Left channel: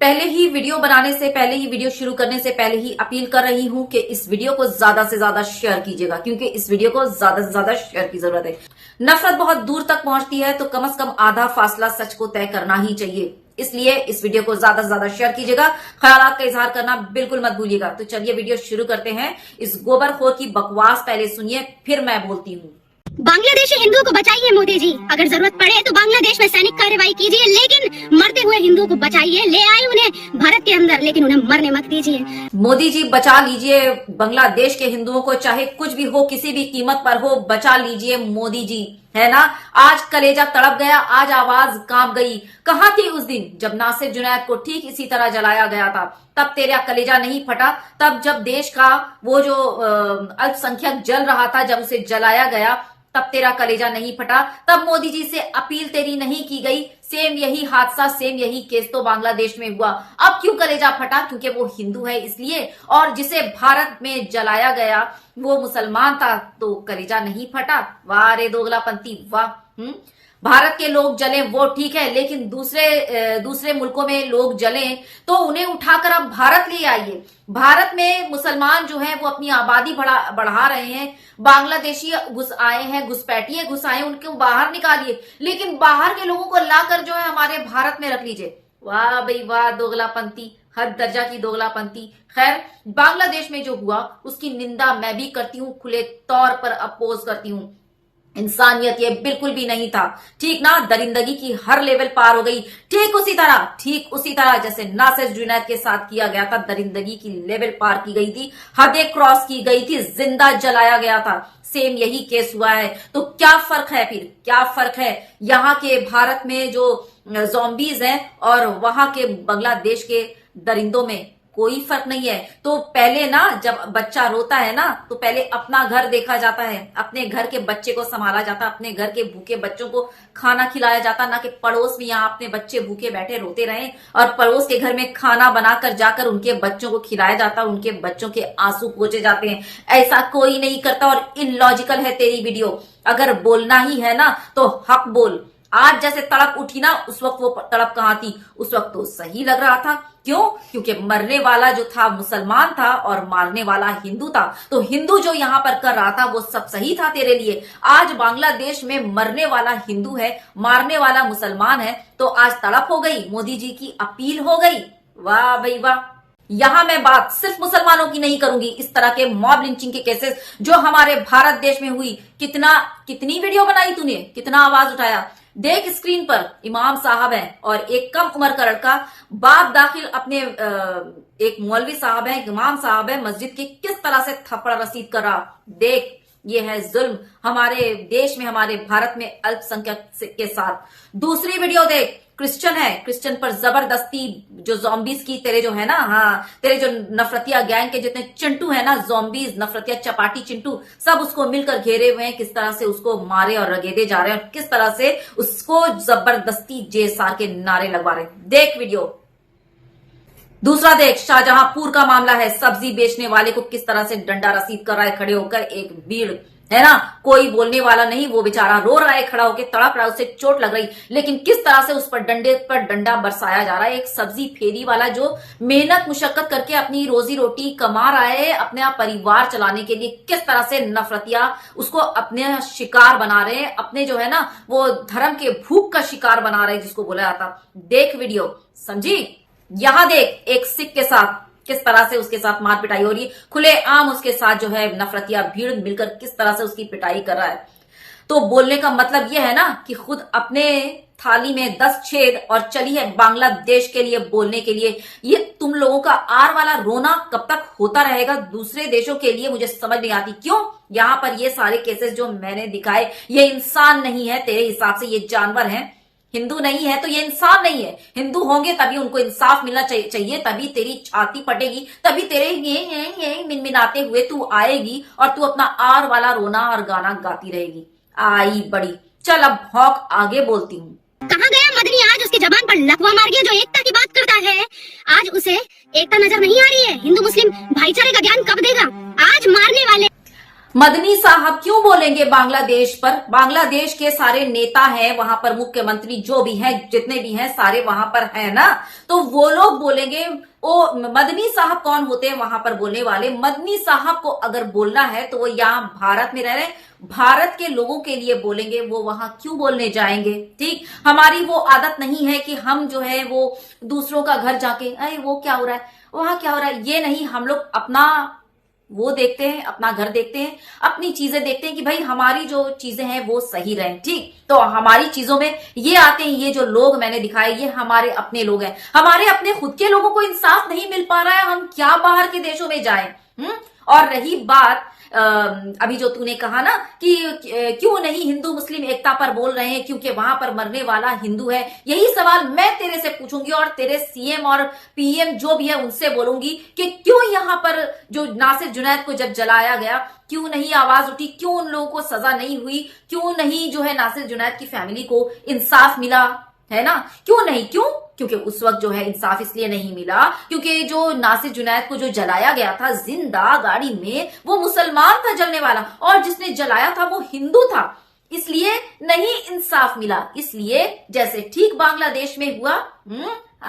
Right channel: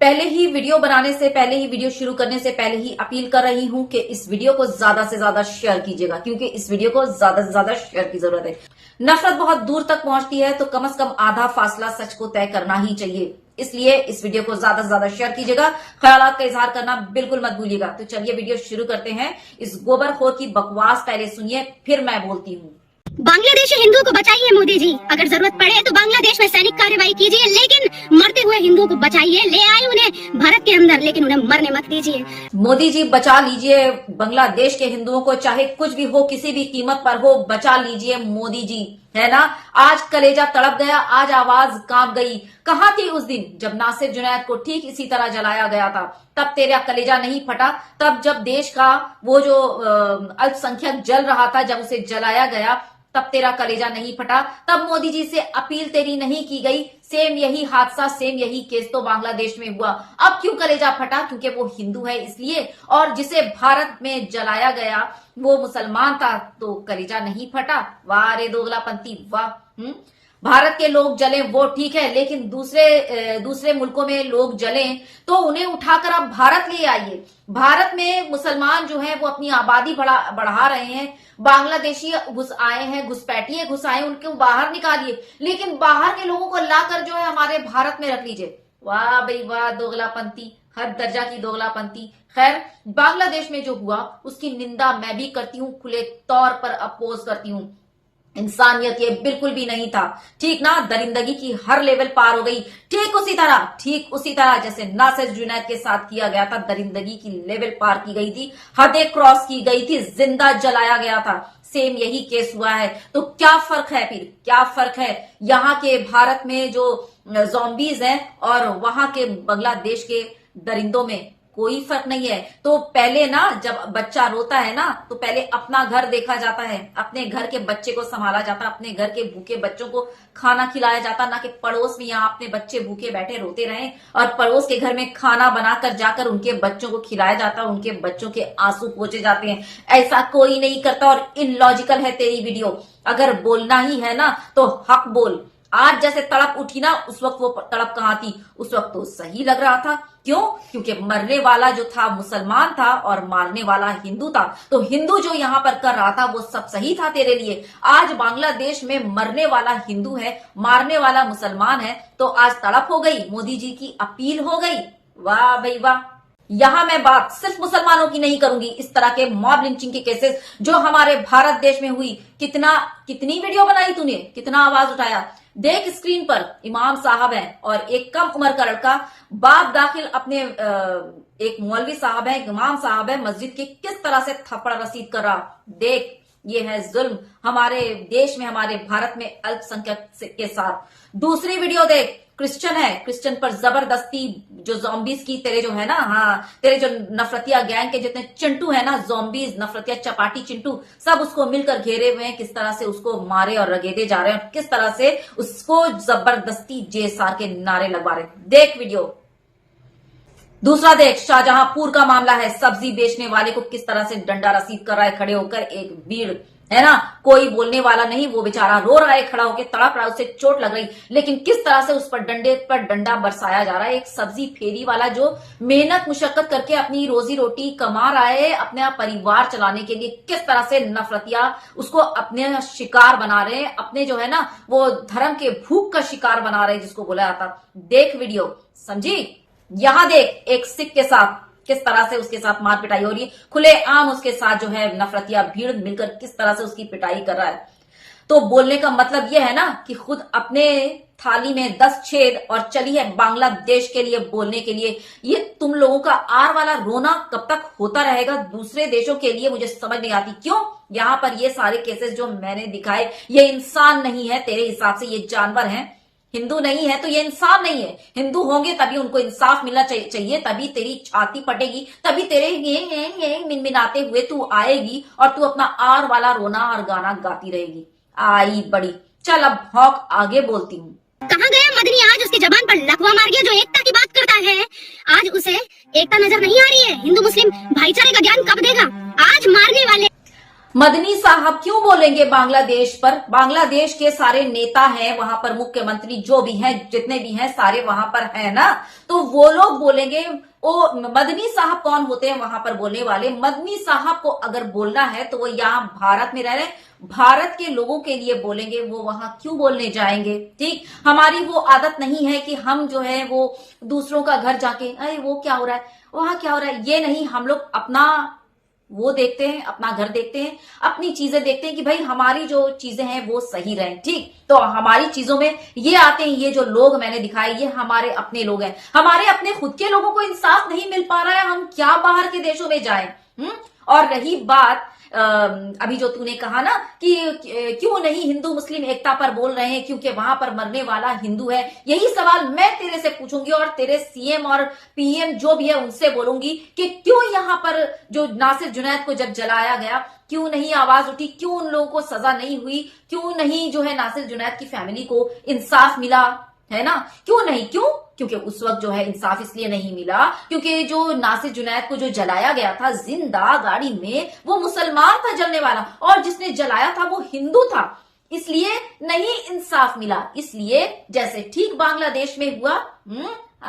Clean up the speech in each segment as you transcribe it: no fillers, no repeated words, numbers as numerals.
पहले ही वीडियो बनाने से पहले ही वीडियो शुरू करने से पहले ही अपील कर रही हूं कि इस वीडियो को ज्यादा से ज्यादा शेयर कीजिएगा, क्योंकि इस वीडियो को ज्यादा से ज्यादा शेयर की जरूरत है। नफरत बहुत दूर तक पहुंचती है तो कम से कम आधा फासला सच को तय करना ही चाहिए। इसलिए इस वीडियो को ज्यादा से ज्यादा शेयर कीजिएगा, ख्यालात का इजहार करना बिल्कुल मत भूलिएगा। तो चलिए वीडियो शुरू करते हैं। इस गोबरखोर की बकवास पहले सुनिए, फिर मैं बोलती हूँ। बांग्लादेशी हिंदुओं को बचाइए मोदी जी, अगर जरूरत पड़े तो बांग्लादेश में सैनिक कार्रवाई कीजिए, लेकिन मरते हुए हिंदुओं को बचाइए। ले आए उन्हें भारत के अंदर, लेकिन उन्हें मरने मत दीजिए। मोदी जी बचा लीजिए बांग्लादेश के हिंदुओं को, चाहे कुछ भी हो, किसी भी कीमत पर हो, बचा लीजिए मोदी जी, है ना। आज कलेजा तड़प गया, आज आवाज कांप गई। कहां थी उस दिन जब नासिर जुनैद को ठीक इसी तरह जलाया गया था? तब तेरा कलेजा नहीं फटा? तब जब देश का वो जो अल्पसंख्यक जल रहा था, जब उसे जलाया गया, तब तेरा कलेजा नहीं फटा? तब मोदी जी से अपील तेरी नहीं की गई? सेम यही हादसा, सेम यही केस तो बांग्लादेश में हुआ। अब क्यों कलेजा फटा? क्योंकि वो हिंदू है इसलिए, और जिसे भारत में जलाया गया वो मुसलमान था, तो कलेजा नहीं फटा? वाह रे दोगलापंथी वाह। भारत के लोग जले वो ठीक है, लेकिन दूसरे मुल्कों में लोग जले तो उन्हें उठाकर आप भारत ले आइए। भारत में मुसलमान जो है वो अपनी आबादी बढ़ा रहे हैं। बांग्लादेशी घुस आए हैं, घुसपैठिए घुस आए, उनको बाहर निकालिए, लेकिन बाहर के लोगों को लाकर जो है हमारे भारत में रख लीजिए। वाह भाई वाह, दोगलापंथी, हर दर्जा की दोगलापंथी। खैर, बांग्लादेश में जो हुआ उसकी निंदा मैं भी करती हूँ, खुले तौर पर अपोज करती हूँ। इंसानियत ये बिल्कुल भी नहीं था, ठीक ना। दरिंदगी की हर लेवल पार हो गई, ठीक उसी तरह जैसे नासिर जुनैद के साथ किया गया था। दरिंदगी की लेवल पार की गई थी, हदें क्रॉस की गई थी, जिंदा जलाया गया था। सेम यही केस हुआ है। तो क्या फर्क है फिर? क्या फर्क है यहाँ के भारत में जो ज़ॉम्बीज हैं और वहां के बांग्लादेश के दरिंदों में? कोई फर्क नहीं है। तो पहले ना, जब बच्चा रोता है ना, तो पहले अपना घर देखा जाता है, अपने घर के बच्चे को संभाला जाता, अपने घर के भूखे बच्चों को खाना खिलाया जाता, ना कि पड़ोस में यहाँ अपने बच्चे भूखे बैठे रोते रहे और पड़ोस के घर में खाना बनाकर जाकर उनके बच्चों को खिलाया जाता, उनके बच्चों के आंसू पोंछे जाते हैं। ऐसा कोई नहीं करता और इलॉजिकल है तेरी वीडियो। अगर बोलना ही है ना तो हक बोल। आज जैसे तड़प उठी ना, उस वक्त वो तड़प कहां थी? उस वक्त तो सही लग रहा था। क्यों? क्योंकि मरने वाला जो था मुसलमान था और मारने वाला हिंदू था। तो हिंदू जो यहां पर कर रहा था वो सब सही था तेरे लिए। आज बांग्लादेश में मरने वाला हिंदू है, मारने वाला मुसलमान है, तो आज तड़प हो गई, मोदी जी की अपील हो गई। वाह भाई वाह। यहां मैं बात सिर्फ मुसलमानों की नहीं करूंगी। इस तरह के मॉब लिंचिंग के केसेस जो हमारे भारत देश में हुई, कितनी वीडियो बनाई तूने, कितना आवाज उठाया? देख स्क्रीन पर, इमाम साहब हैं और एक कम उम्र का लड़का बाप दाखिल अपने एक मौलवी साहब है, इमाम साहब है मस्जिद की, किस तरह से थप्पड़ रसीद कर रहा। देख, ये है जुल्म हमारे देश में, हमारे भारत में अल्पसंख्यक के साथ। दूसरी वीडियो देख, क्रिश्चियन है, क्रिश्चियन पर जबरदस्ती जो ज़ॉम्बीज की तेरे जो है ना, हाँ, तेरे जो नफरतिया गैंग के जितने चिंटू है ना, ज़ॉम्बीज, नफरतिया चपाटी चिंटू, सब उसको मिलकर घेरे हुए हैं। किस तरह से उसको मारे और रगेदे जा रहे हैं, किस तरह से उसको जबरदस्ती जेसार के नारे लगवा रहे हैं। देख वीडियो। दूसरा देख, शाहजहांपुर का मामला है, सब्जी बेचने वाले को किस तरह से डंडा रसीद कर रहा है खड़े होकर एक भीड़, है ना। कोई बोलने वाला नहीं, वो बेचारा रो रहा है खड़ा होकर, तड़प रहा है, उसे चोट लग रही, लेकिन किस तरह से उस पर डंडे पर डंडा बरसाया जा रहा है। एक सब्जी फेरी वाला जो मेहनत मुशक्कत करके अपनी रोजी रोटी कमा रहा है अपने परिवार चलाने के लिए, किस तरह से नफरतिया उसको अपने शिकार बना रहे हैं, अपने जो है ना वो धर्म के भूख का शिकार बना रहे हैं, जिसको बोला जाता। देख वीडियो, समझी। यहां देख, एक सिख के साथ किस तरह से उसके साथ मार पिटाई हो रही है, खुले आम उसके साथ जो है नफरतिया भीड़ मिलकर किस तरह से उसकी पिटाई कर रहा है। तो बोलने का मतलब यह है ना कि खुद अपने थाली में 10 छेद और चली है बांग्लादेश के लिए बोलने के लिए। ये तुम लोगों का आर वाला रोना कब तक होता रहेगा दूसरे देशों के लिए, मुझे समझ नहीं आती। क्यों यहां पर ये सारे केसेस जो मैंने दिखाए, ये इंसान नहीं है तेरे हिसाब से, ये जानवर हैं। हिंदू नहीं है तो ये इंसान नहीं है। हिंदू होंगे तभी उनको इंसाफ मिलना चाहिए, तभी तेरी छाती फटेगी, तभी तेरे ये मिनमिनाते हुए तू आएगी और तू अपना आर वाला रोना और गाना गाती रहेगी। आई बड़ी, चल अब भौंक, आगे बोलती हूँ। कहाँ गया मदनी? आज उसकी जबान पर लकवा मार गया जो एकता की बात करता है। आज उसे एकता नजर नहीं आ रही है। हिंदू मुस्लिम भाईचारे का ज्ञान कब देगा? आज मारने वाले मदनी साहब क्यों बोलेंगे बांग्लादेश पर? बांग्लादेश के सारे नेता हैं वहां पर, मुख्यमंत्री जो भी हैं, जितने भी हैं सारे वहां पर हैं ना, तो वो लोग बोलेंगे। वो मदनी साहब कौन होते हैं वहां पर बोलने वाले? मदनी साहब को अगर बोलना है तो वो यहाँ भारत में रह रहे हैं, भारत के लोगों के लिए बोलेंगे। वो वहां क्यों बोलने जाएंगे? ठीक, हमारी वो आदत नहीं है कि हम जो है वो दूसरों का घर जाके अरे वो क्या हो रहा है, वहां क्या हो रहा है, ये नहीं। हम लोग अपना वो देखते हैं, अपना घर देखते हैं, अपनी चीजें देखते हैं कि भाई हमारी जो चीजें हैं वो सही रहें। ठीक, तो हमारी चीजों में ये आते हैं, ये जो लोग मैंने दिखाए ये हमारे अपने लोग हैं। हमारे अपने खुद के लोगों को इंसाफ नहीं मिल पा रहा है, हम क्या बाहर के देशों में जाएं? और रही बात अभी जो तूने कहा ना कि क्यों नहीं हिंदू मुस्लिम एकता पर बोल रहे हैं, क्योंकि वहां पर मरने वाला हिंदू है। यही सवाल मैं तेरे से पूछूंगी और तेरे सीएम और पीएम जो भी है उनसे बोलूंगी कि क्यों यहां पर जो नासिर जुनैद को जब जलाया गया क्यों नहीं आवाज उठी, क्यों उन लोगों को सजा नहीं हुई, क्यों नहीं जो है नासिर जुनैद की फैमिली को इंसाफ मिला, है ना? क्यों नहीं? क्योंकि उस वक्त जो है इंसाफ इसलिए नहीं मिला क्योंकि जो नासिर जुनैद को जो जलाया गया था जिंदा गाड़ी में, वो मुसलमान था जलने वाला, और जिसने जलाया था वो हिंदू था, इसलिए नहीं इंसाफ मिला। इसलिए जैसे ठीक बांग्लादेश में हुआ,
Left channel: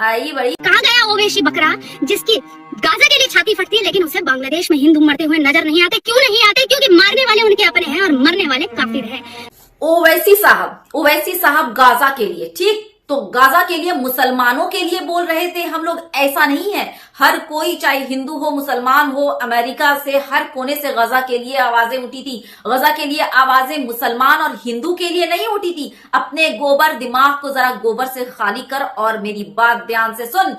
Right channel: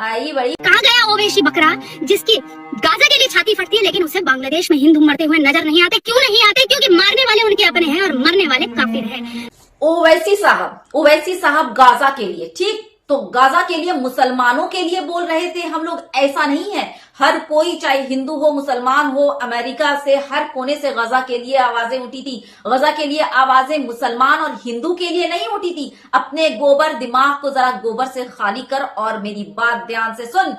आई बड़ी। कहाँ गया वो वेशी बकरा जिसकी गाजा के लिए छाती फटती है, लेकिन उसे बांग्लादेश में हिंदू मरते हुए नजर नहीं आते? क्यों नहीं आते? क्योंकि मारने वाले उनके अपने हैं और मरने वाले काफिर हैं। ओवैसी साहब गाजा के लिए, ठीक, तो गाजा के लिए, मुसलमानों के लिए बोल रहे थे हम लोग। ऐसा नहीं है, हर कोई चाहे हिंदू हो मुसलमान हो, अमेरिका से हर कोने से गाजा के लिए आवाजें उठी थी। गाजा के लिए आवाजें मुसलमान और हिंदू के लिए नहीं उठी थी। अपने गोबर दिमाग को जरा गोबर से खाली कर और मेरी बात ध्यान से सुन।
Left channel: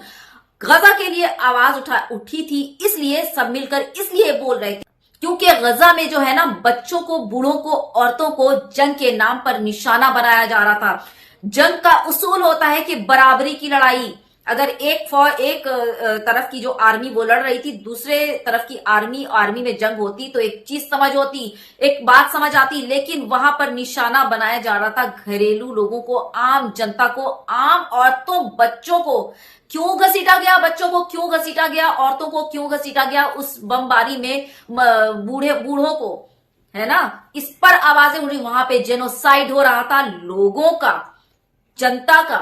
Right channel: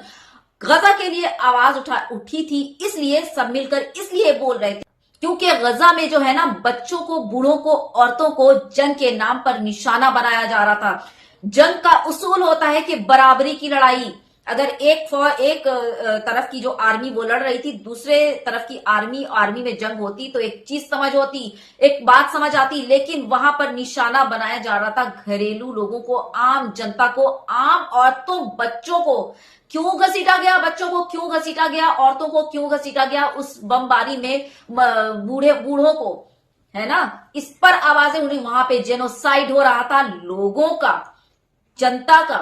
गाजा के लिए आवाज उठी थी, इसलिए सब मिलकर इसलिए बोल रहे थे क्योंकि गजा में जो है ना बच्चों को, बूढ़ों को, औरतों को जंग के नाम पर निशाना बनाया जा रहा था। जंग का उसूल होता है कि बराबरी की लड़ाई। अगर एक तरफ की जो आर्मी वो लड़ रही थी, दूसरे तरफ की आर्मी में जंग होती तो एक चीज समझ होती, एक बात समझ आती, लेकिन वहां पर निशाना बनाया जा रहा था घरेलू लोगों को, आम जनता को, आम औरतों बच्चों को। क्यों घसीटा गया? बच्चों को क्यों घसीटा गया? औरतों को क्यों घसीटा गया? उस बमबारी में बूढ़ों को, है ना, इस पर आवाजें उठी। वहां पे जेनोसाइड हो रहा था लोगों का, जनता का,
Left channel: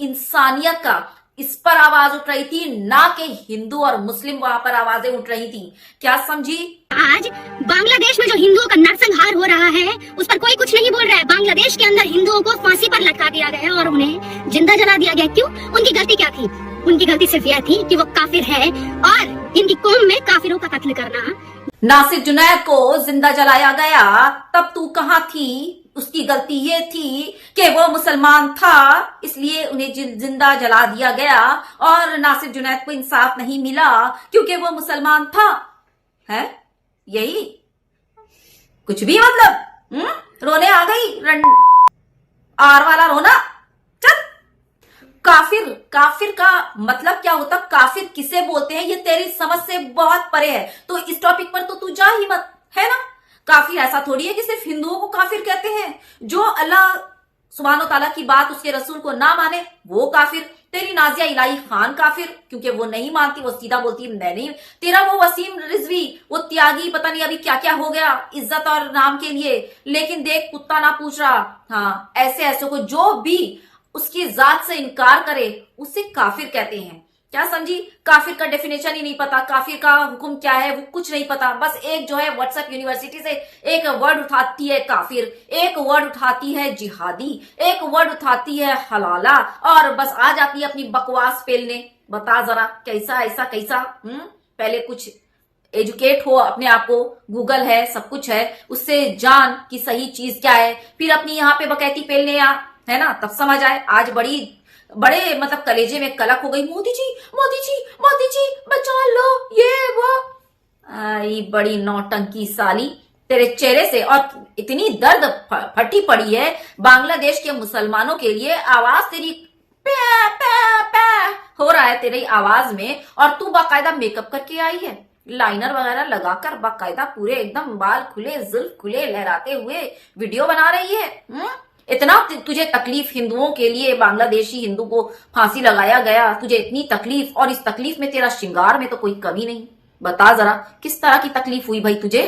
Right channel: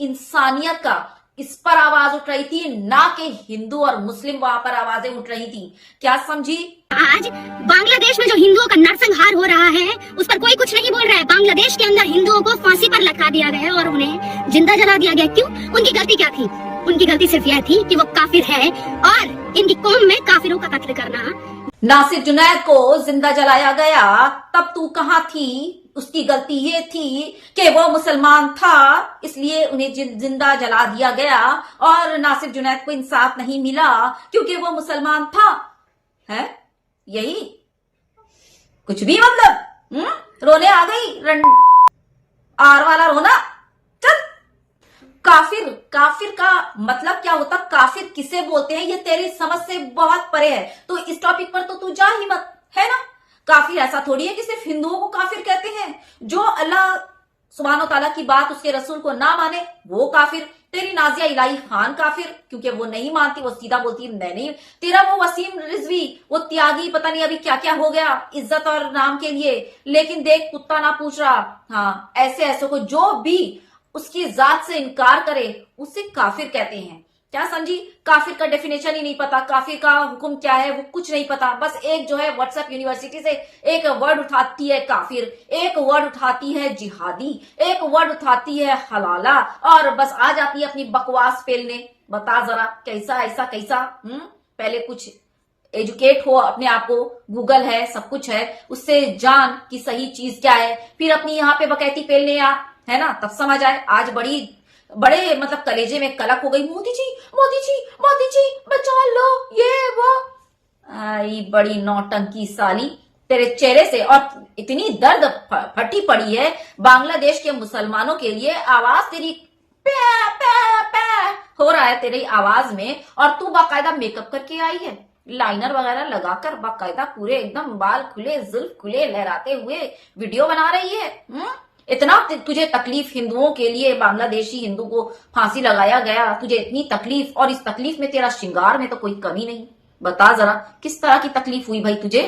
इंसानियत का, इस पर आवाज उठ रही थी, ना कि हिंदू और मुस्लिम वहां पर आवाजें उठ रही थी। क्या समझी? आज बांग्लादेश में जो हिंदुओं का नरसंहार हो रहा है उस पर कोई कुछ नहीं बोल रहा है। बांग्लादेश के अंदर हिंदुओं को फांसी पर लटका दिया गया और उन्हें जिंदा जला दिया गया। क्यों? उनकी गलती क्या थी? उनकी गलती सिर्फ यह थी कि वो काफिर है और इनकी कौम में काफिरों का कत्ल करना। नासिर जुनैद को जिंदा जलाया गया, तब तू कहां थी? उसकी गलती ये थी कि वो मुसलमान था, इसलिए उन्हें जिंदा जला दिया गया और नासिर जुनैद को इंसाफ नहीं मिला क्योंकि वो मुसलमान था। है यही कुछ भी मतलब? रोने आ गई, आर वाला रोना। चल, काफिर का मतलब क्या होता? काफिर किसे बोलते हैं ये तेरी समझ से बहुत परे है, तो इस टॉपिक पर तो तू जा ही मत, है ना? काफिर ऐसा थोड़ी है कि सिर्फ हिंदुओं को काफिर कहते हैं। जो अल्लाह सुब्हानो तआला की बात, उसके रसूल को ना माने वो काफिर। तेरी नाजिया इलाही खान काफिर, क्योंकि वो नहीं मानती, वो सीधा बोलती है मैं नहीं। तेरा वो वसीम रिजवी, वो त्यागी, पता नहीं अभी क्या क्या हो गया इज्जत और नाम के लिए, लेकिन देख कुत्ता ना पूछ रहा। हाँ, ऐसे को जो भी उसकी जात से इनकार करे उसे काफिर कहते हैं। क्या समझी? काफिर का डेफिनेशन ही नहीं पता, काफिर का हुक्म क्या है वो कुछ नहीं पता। बस एक जो है व्हाट्सएप यूनिवर्सिटी से एक वर्ड उठाती है काफिर, एक वर्ड उठाती है जिहादी, एक वर्ड उठाती है हलाला, और बस आ जाती है अपनी बकवास पेलने। बता जरा कैसा ऐसा कैसा? पहले कुछ एजुकेट हो अपने आप को, गूगल है, सब कुछ है, उससे जान कि सही चीज क्या है, फिर अपनी यहाँ पे बकैती पेलने आ, है ना, तब समझ आए। आज बड़े मतलब कलेजे में कलक हो गई, मोदी जी बचा लो, ये वो। आई बड़ी नौटंकी साली तेरे चेहरे से, और इतनी दर्द फटी पड़ी है बांग्लादेश के मुसलमानों के लिए। आवाज तेरी पै पै पै हो रहा है तेरी आवाज में, और तू बाकायदा मेकअप करके आई है, लाइनर वगैरह लगाकर बाकायदा पूरे एकदम बाल खुले, जुल्फ खुले लहराते हुए वीडियो बना रही है। इतना तुझे तकलीफ हिंदुओं के लिए, बांग्लादेशी हिंदू को फांसी लगाया गया, तुझे इतनी तकलीफ, और इस तकलीफ में तेरा श्रृंगार में तो कोई कमी नहीं। बता जरा किस तरह की तकलीफ हुई भाई तुझे?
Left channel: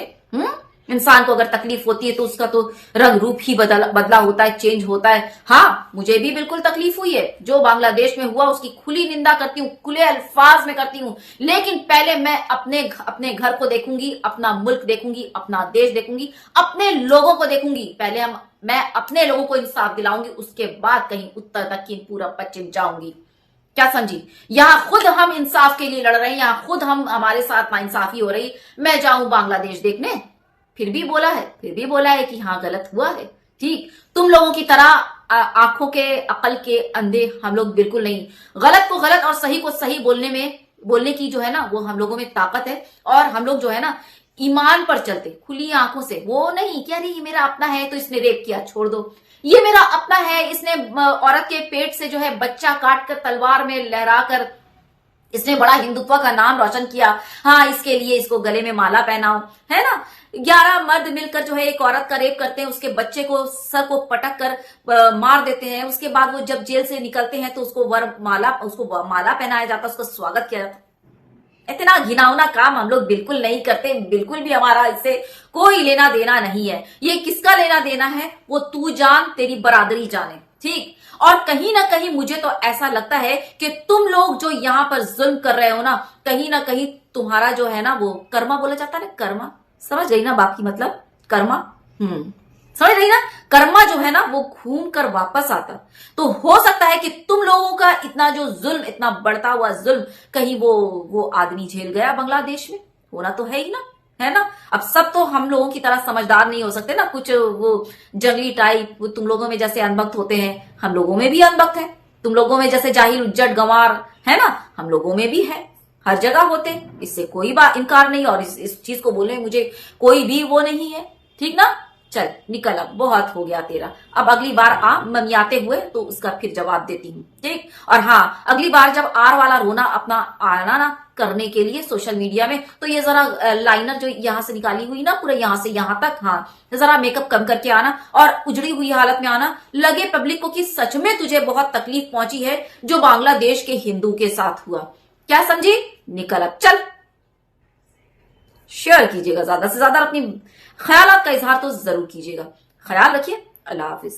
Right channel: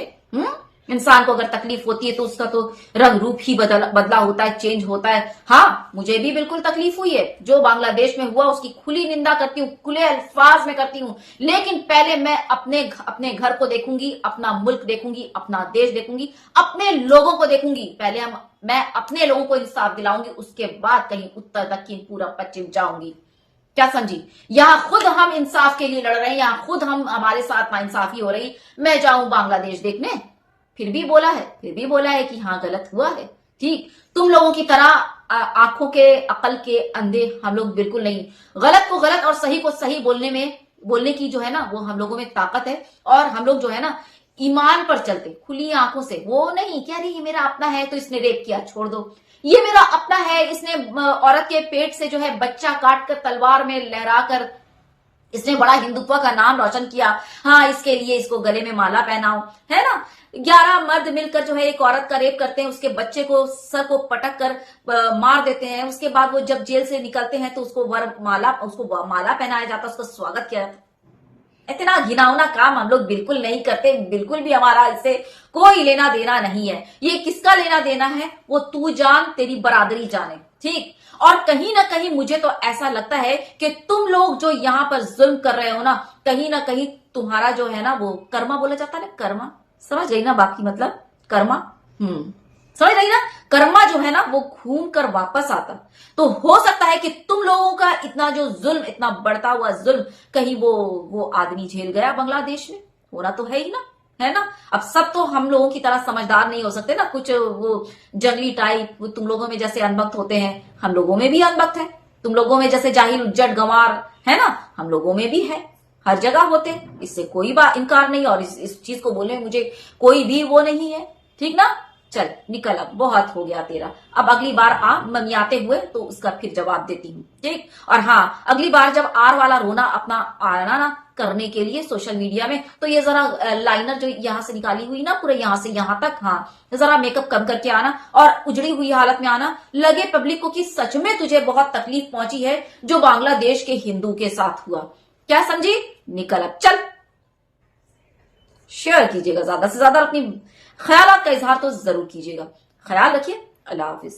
इंसान को अगर तकलीफ होती है तो उसका तो रंग रूप ही बदला होता है, चेंज होता है। हाँ, मुझे भी बिल्कुल तकलीफ हुई है। जो बांग्लादेश में हुआ उसकी खुली निंदा करती हूँ, खुले अल्फाज में करती हूँ, लेकिन पहले मैं अपने घर को देखूंगी, अपना मुल्क देखूंगी, अपना देश देखूंगी, अपने लोगों को देखूंगी। पहले मैं अपने लोगों को इंसाफ दिलाऊंगी, उसके बाद कहीं उत्तर दक्षिण पूरा पश्चिम जाऊंगी। क्या समझी? यहां खुद हम इंसाफ के लिए लड़ रहे हैं, यहां खुद हमारे साथ नाइंसाफी हो रही। मैं जाऊं बांग्लादेश देखने? फिर भी बोला है कि हाँ गलत हुआ है। ठीक, तुम लोगों की तरह आंखों के अकल के अंधे हम लोग बिल्कुल नहीं। गलत को गलत और सही को सही बोलने की जो है ना वो हम लोगों में ताकत है। और हम लोग जो है ना ईमान पर चलते, खुली आंखों से, वो नहीं क्या नहीं ये मेरा अपना है तो इसने रेप किया, छोड़ दो, ये मेरा अपना है, इसने औरत के पेट से जो है बच्चा काट कर तलवार में लहराकर इसने बड़ा हिंदुत्व का नाम रोशन किया, हाँ इसके लिए इसको गले में माला पहनाओ, है ना। 11 मर्द मिलकर जो है एक औरत का रेप करते हैं, उसके बच्चे को सर को पटक कर मार देते हैं। उसके बाद वो जब जेल से निकलते हैं तो उसको माला पहनाया जाता है, उसको स्वागत किया जाता है। इतना घिनौना काम हम लोग बिल्कुल नहीं करते, बिल्कुल भी हमारा इससे कोई लेना देना नहीं है। ये किसका लेना देना है वो तू जान, तेरी बरादरी जाने। ठीक, और कहीं ना कहीं मुझे तो ऐसा लगता है कि तुम लोग जो यहाँ पर जुल्म कर रहे हो ना कहीं तुम्हारा जो है ना वो कर्मा बोला जाता है ना, कर्मा, समझ गई ना बाकी मतलब कर्मा, समझ रही ना, कर्मा जो है ना वो घूम कर वापस आता। तो हो सकता है कि तुम लोगों का इतना जो जुल्म, इतना बढ़ता हुआ जुल्म कहीं वो आदमी झेल गया बांग्लादेश में, होना तो है ही ना, है ना। अब सब तो हम लोगों की तरह समझदार नहीं हो सकते ना, कुछ वो जंगली टाइप, वो तुम लोगों में जैसे अनबख्त होते हैं हम लोगों में भी अनबख्त है, तुम लोगों में जैसे जाहिल उज्जट गंवार है ना हम लोगों में भी है, हर जगह होते, इससे कोई बात इनकार नहीं। और इस चीज को बोलने मुझे कोई भी वो नहीं है। ठीक ना, चल निकल, अब बहुत हो गया तेरा, अब अगली बार आ मनियाते हुए तो उसका फिर जवाब देती हूँ। ठीक, और हाँ अगली बार जब आर वाला रोना अपना आना ना करने के लिए सोशल मीडिया में, तो ये जरा लाइनर जो यहाँ से निकाली हुई ना पूरे यहाँ से यहाँ तक, हाँ जरा मेकअप कम करके आना और उजड़ी हुई हालत में आना, लगे पब्लिक को कि सच में तुझे बहुत तकलीफ पहुंची है जो बांग्लादेश के हिंदू के साथ हुआ। क्या समझी? निकल अब, चल। शेयर कीजिएगा ज्यादा से ज्यादा, अपनी ख्यालात का इजहार तो जरूर कीजिएगा। ख्याल रखिए, अल्लाह हाफिज।